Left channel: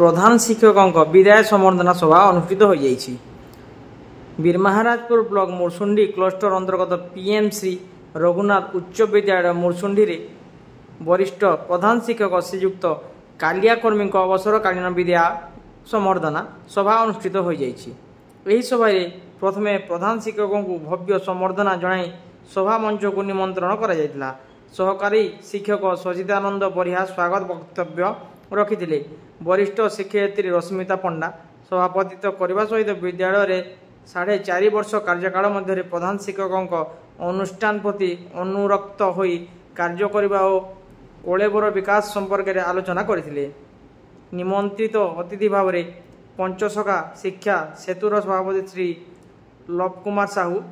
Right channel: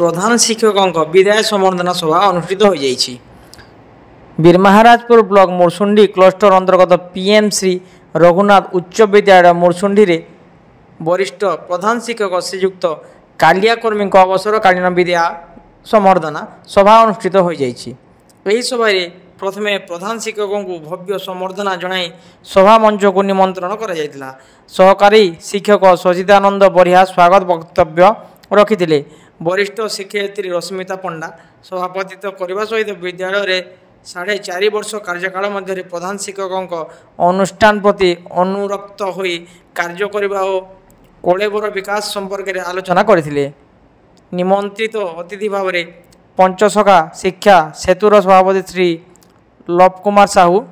प्रधान शिक्षकों विदाय संबर्धना सभा अनुष्ठित हो जाइछि। बीरमहाराजपुर ब्लॉक मुरसुंडी क्लस्टर अंतर्गत पीएम श्री रघुनाथ उच्च विद्यालय मुरसुंडी रे वरिष्ठ प्रधान शिक्षक श्रीयुक्त कालियाकर्मी अवसरकालीन विद्या संबर्धना सभा अनुष्ठित हो जाइछि। एही सभारे प्रथमे प्रधान शिक्षकों को भव्य संबर्धना जणाई सभा मंच को निमंत्रण करा जायतिला। सहकारी शिक्षक सचिदानंद बरिया स्वागत वक्तव्य रखिथिले। वरिष्ठ शिक्षयित्री रश्मिता पंडा सभापतित्व करने सहित विद्यालय रे 4.5 वर्ष कार्यकाल मध्य प्रधान शिक्षकों अनुष्ठान प्रति अनुरक्त होई कार्य करने और कलेबर विकास संपर्क में आलोचना करथिले। निमंत्रित अतिथि भाव में पंचसखा शिक्षा सेतुर सभापति श्री लव कुमार साहू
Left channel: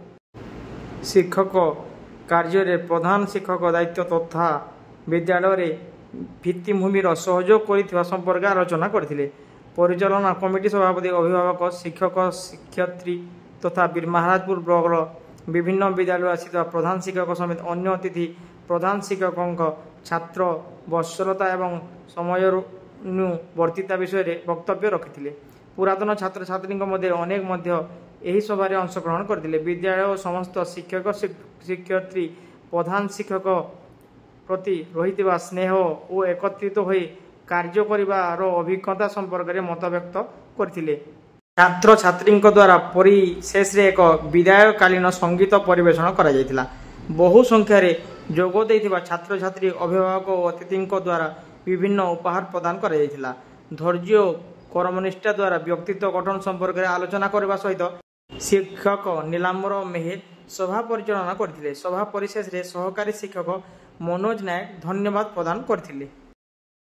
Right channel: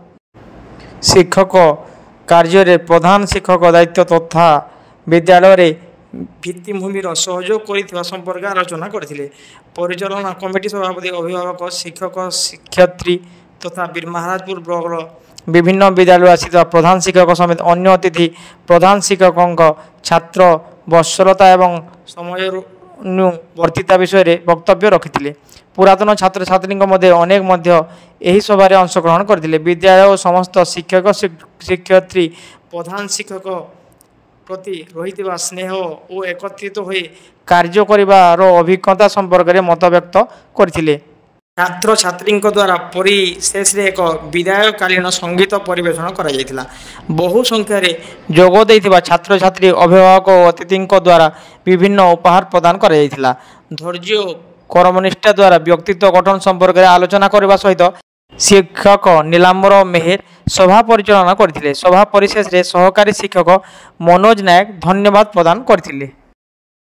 शिक्षक कार्य प्रधान शिक्षक दायित्व तथा विद्यालय रे भित्तिभूमिर सहयोग कर संपर्क आलोचना करथिले। परिचालना कमिटी सभापति अभिभावक शिक्षक शिक्षयित्री तथा बीरमहाराजपुर ब्लॉक विभिन्न विद्यालय आसित प्रधान शिक्षक समेत अन्य अतिथि प्रधान शिक्षकों छात्र वत्सलता एवं समयानुवर्तिता विषय वक्तव्य रखिथिले। पुरातन छात्र छात्री अनेक यही सभारे अंशग्रहण करथिले। विद्यालय और समस्त शिक्षक शिक्षयित्री प्रधान शिक्षक प्रति रही स्नेह और एकत्रित होई कार्य करिवार अभिज्ञता संपर्क में मत व्यक्त करथिले। छात्र छात्री द्वारा परिशेष एक विदायकालीन संगीत परिवेषण करा जायतिला। बहु संख्यार जोग देइथिबा छात्र छात्री अभिभावक और अतिथि द्वारा विभिन्न उपहार प्रदान करा जायतिला। धैर्य कर्मनिष्ठा द्वारा व्यक्तित्व गठन संपर्क में आलोचना करने सहित शिक्षक नीलाम्बर मेहर सभा परिचालना करथिले। सभा परिशेष सहकारी शिक्षक मनोज नायक धन्यवाद प्रदान करथिले।